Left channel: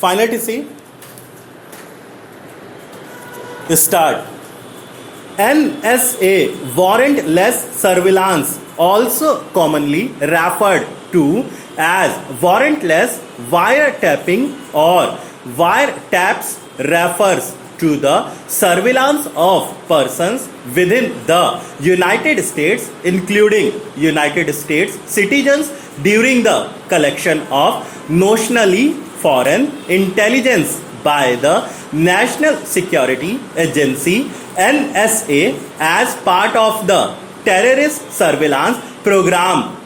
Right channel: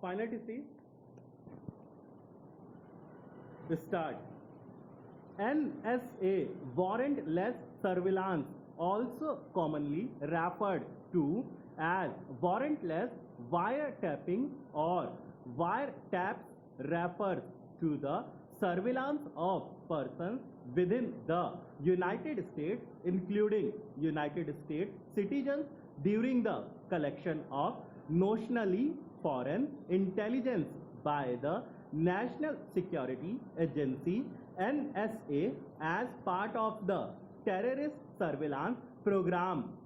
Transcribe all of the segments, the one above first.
Finally, see, start. NSA, warrantless surveillance, also commonly referred to as warrantless wiretapping or wiretaps, refers to the surveillance of persons within the United States, including United States citizens, during the collection of notionally foreign intelligence by the National Security Agency NSA as part of the terrorist surveillance program.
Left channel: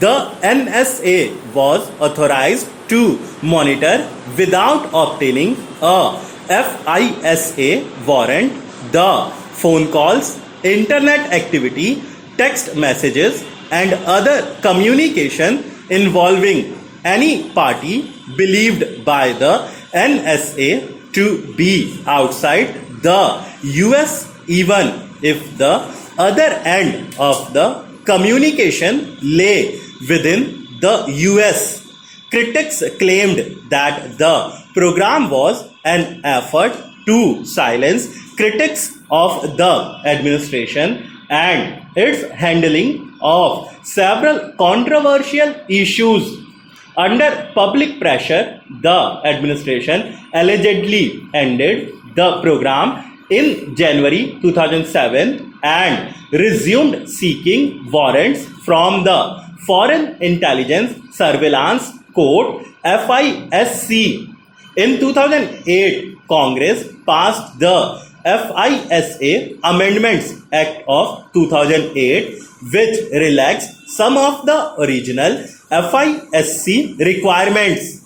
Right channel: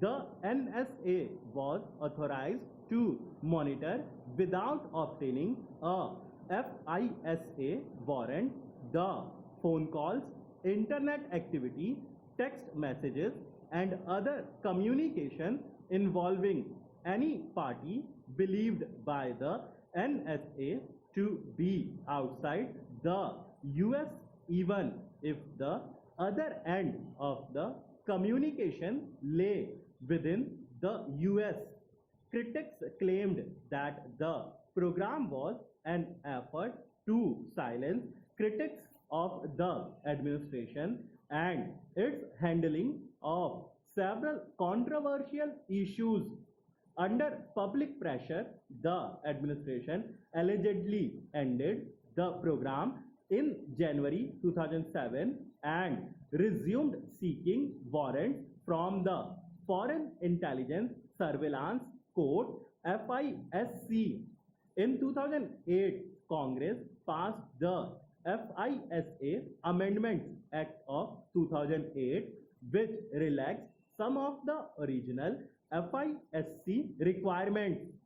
The NSA was authorized to monitor without obtaining a FISA warrant the phone calls, internet activity, text messages, and other communication involving any party believed by the NSA to be outside the US, even if the other end of the communication lay within the US. Critics claimed that the program was an effort to silence critics of the administration and its handling of several controversial issues. Under public pressure, the administration allegedly ended the program in January 2007 and resumed seeking warrants from the Foreign Intelligence Surveillance Court FISC. In 2008, Congress passed the FISA Amendments Act of 2008, which relaxed some of the original FISC requirements.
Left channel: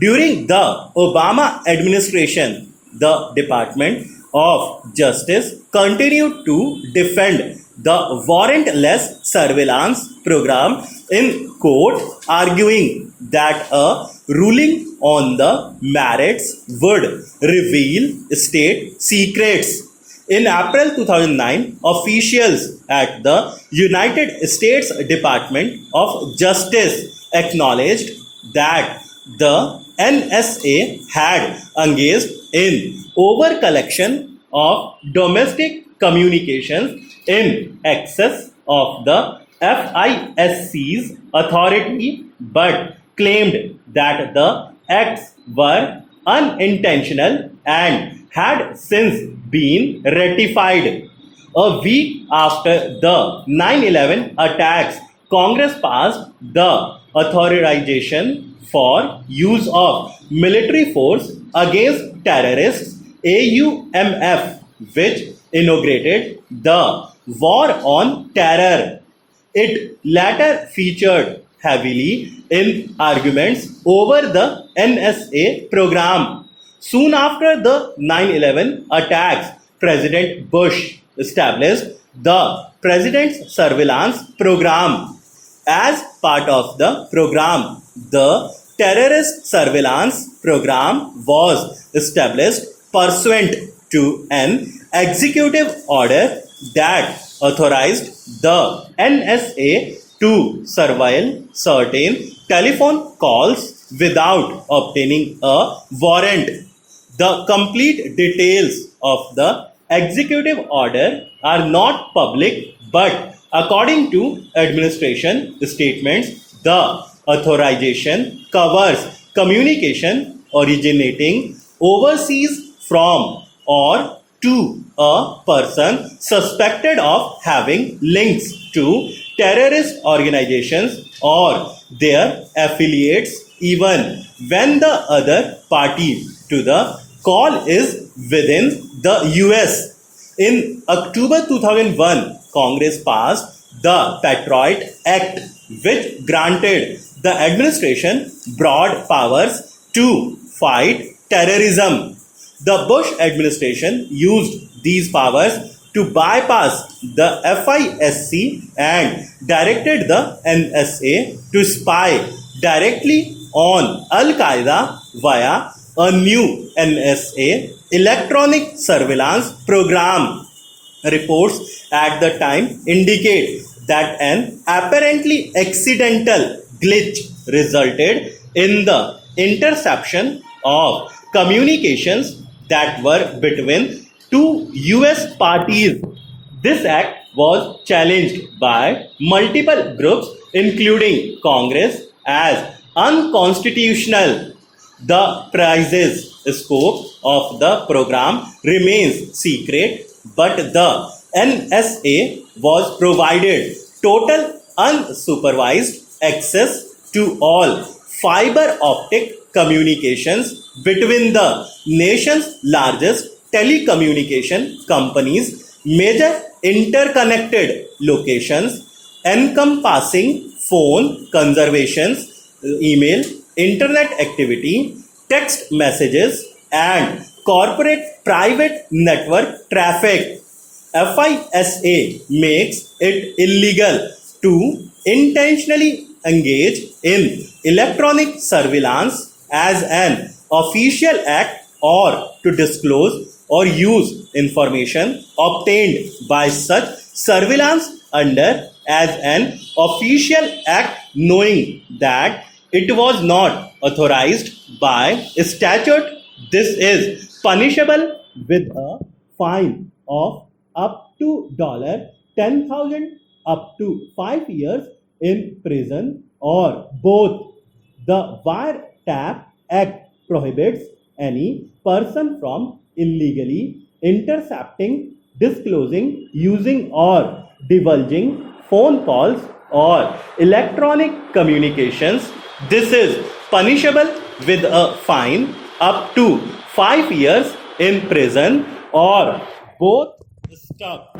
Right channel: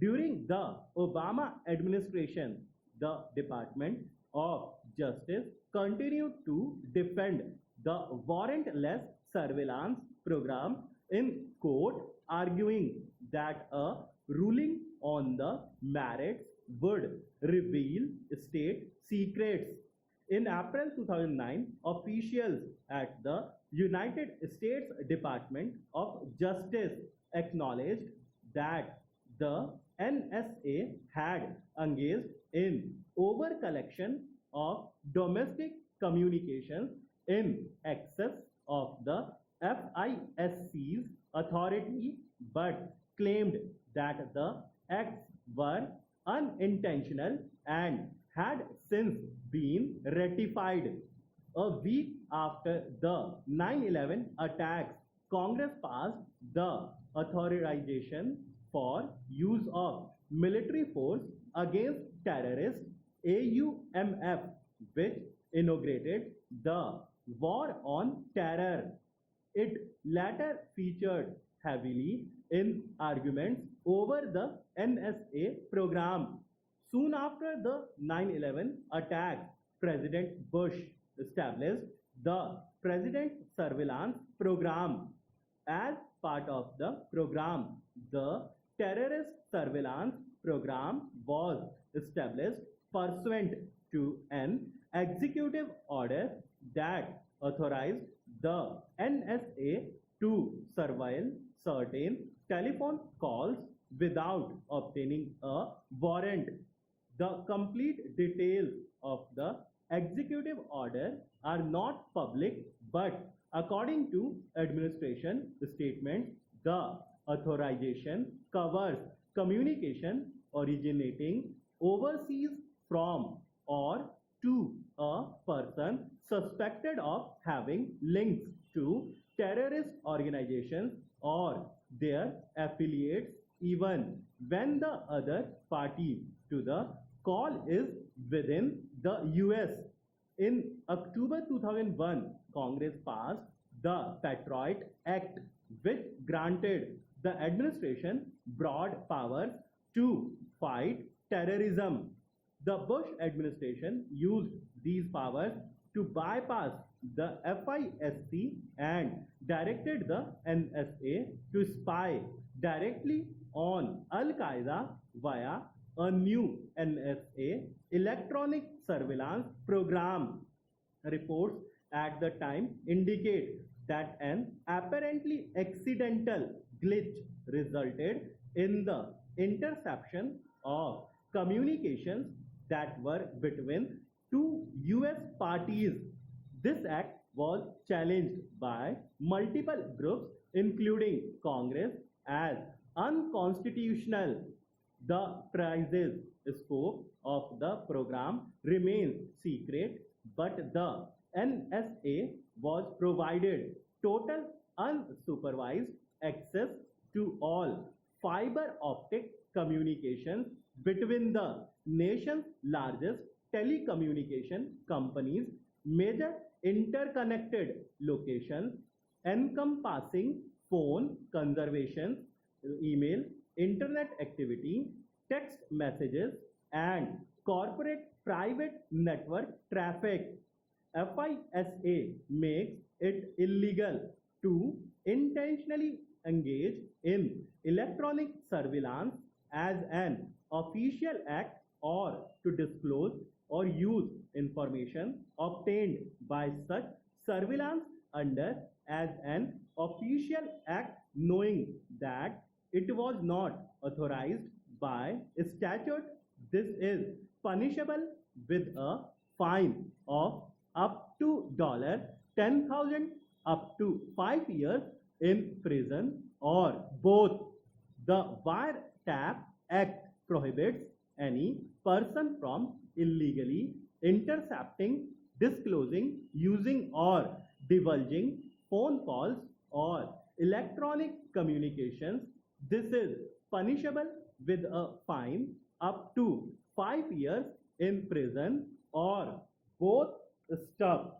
During the Obama administration, the Department of Justice continued to defend the warrantless surveillance program in court, arguing that a ruling on the merits would reveal state secrets. In April 2009, officials at the United States Department of Justice acknowledged that the NSA had engaged in over-collection of domestic communications in excess of the FISC's authority, but claimed that the acts were unintentional and had since been ratified. A week after the 9/11 attacks, Congress passed the authorization for use of military force against terrorists AUMF, which inaugurated the War on Terror. It later featured heavily in arguments over the NSA program. Soon after the 9/11 attacks, President Bush established the President's Surveillance Program. As part of the program, the Terrorist Surveillance Program was established pursuant to an executive order that authorized the NSA to surveil certain telephone calls without obtaining a warrant. The complete details of the executive order are not public, but according to administration statements, the authorization covers communication originating overseas from or to a person suspected of having links to terrorist organizations or their affiliates, even when the other party to the call is within the US. In October 2001, Congress passed the Patriot Act, which granted the administration broad powers to fight terrorism. The Bush administration used these powers to bypass the FISC and directed the NSA to spy directly on Al Qaeda via a new NSA electronic surveillance program. Reports at the time indicate that an apparently accidental glitch resulted in the interception of communications that were between two US parties. This act was challenged by multiple groups, including Congress, as unconstitutional. The precise scope of the program remains secret, but the NSA was provided total unsupervised access to all fiber optic communications between the nation's largest telecommunication companies, major interconnected locations encompassing phone conservations, email, internet activity, text messages, and corporate private network traffic. FISA makes it illegal to intentionally engage in electronic surveillance as an official act or to disclose or use information obtained by such surveillance under as an official act knowing that it was not authorized by statute. This is punishable with a fine of up to $10,000 up to 5 years in prison or both. The Wiretap Act prohibits any person from illegally intercepting, disclosing, using, or divulging phone calls or electronic communications. This is punishable with a fine up to 5 years in prison or both. Stop.